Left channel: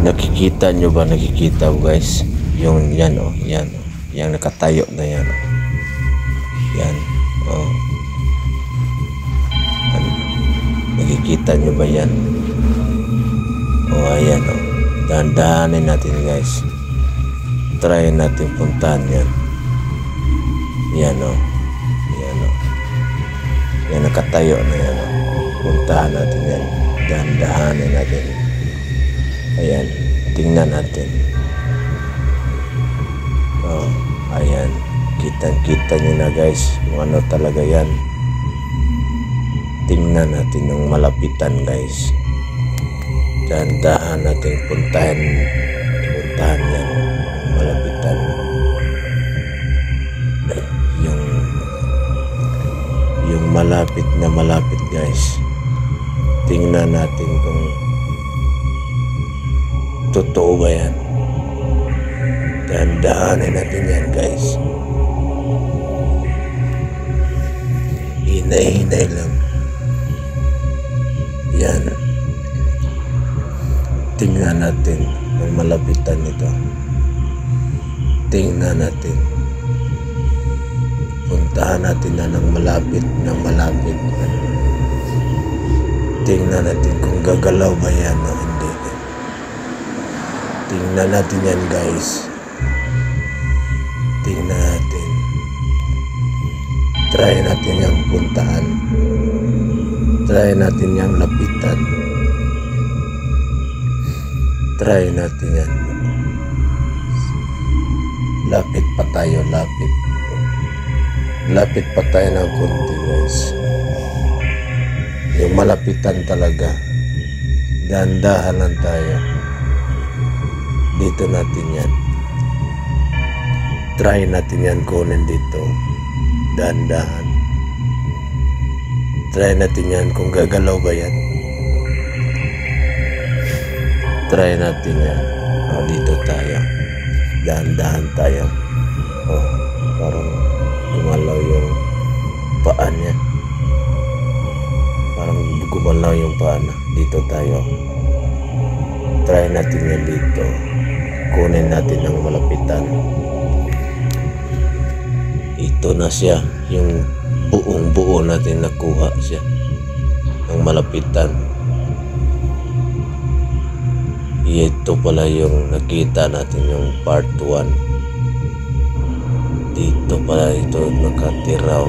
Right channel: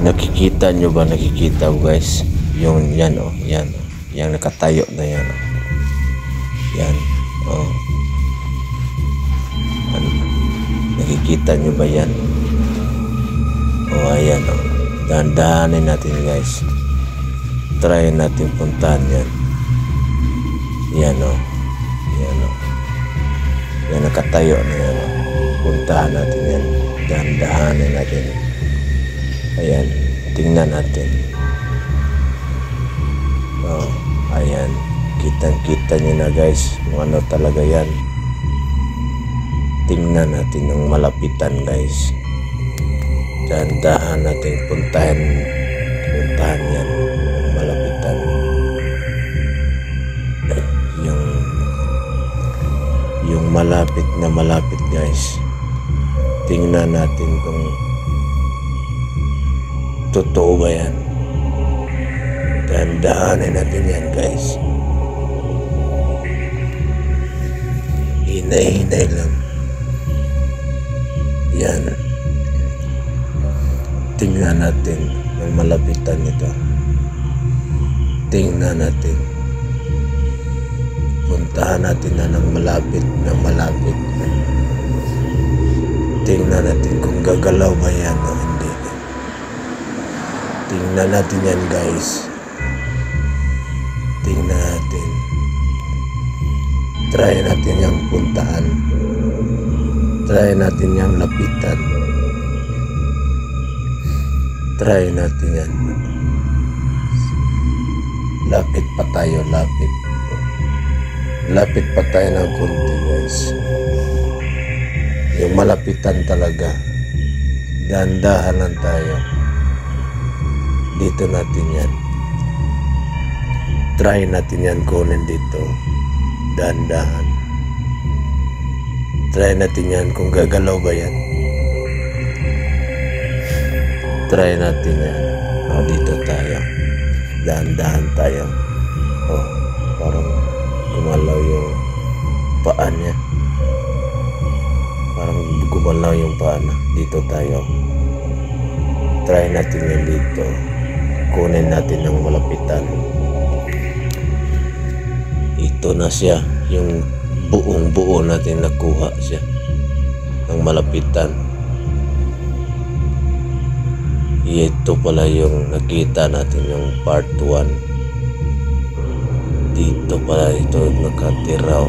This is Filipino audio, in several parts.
Nakikita nyo ba? Nakikita guys? Yung yan oh, yan oh. Yang nakatayo na yan oh. Yan oh. Ano? Nakikita nyo ba yan? Oh, ayan oh. Dahan-dahanin natin guys. Try natin puntahan yan. Yan oh. Yan oh. Yan nakatayo na yan oh. Puntahan natin yan. Dahan-dahanin natin. Ayan, tingnan natin. Oh, ayan. Kitang-kita nyo na guys kung ano talaga yan. Tingnan natin ng malapitan guys. Dahan-dahan natin puntahan yan ng malapitan. Yung malapit na malapit guys. Tingnan natin kung totoo ba yan. Dahan-dahanin natin yan guys. Hinay-hinay lang. Yan. Tingnan natin ang malapitan nito. Tingnan natin. Puntahan natin na ng malapit na malapit. Tingnan natin kung gagalaw ba yan o hindi. Tingnan natin yan guys. Tingnan natin. Try natin yung puntaan. Try natin yung lapitan. Try natin yan. Lapit pa tayo, lapit. Lapit pa tayo ng konti guys. Yung malapitan talaga. Dahan-dahan lang tayo. Dito natin yan. Try natin yan kunin dito. Dahan-dahan. Try natin yan kung gagalaw ba yan. Try natin yan. O, dito tayo. Dahan-dahan tayo. O, parang gumalaw yung paa niya. Parang gumalaw yung paa na. Dito tayo. Try natin yan dito. Kunin natin ng malapitan. Ito na siya. Yung buong buo natin nakuha siya. Ang malapitan. Ito pala yung nakita natin yung part 1. Dito pala ito nakatiraw.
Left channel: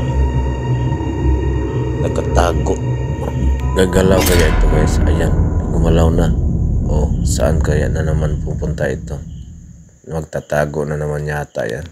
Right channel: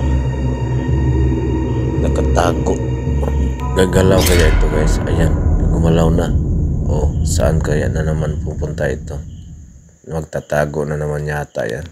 Nakatago. Gagalaw kaya ito guys. Ayan. Gumalaw na. O saan kaya na naman pupunta ito? Magtatago na naman yata yan.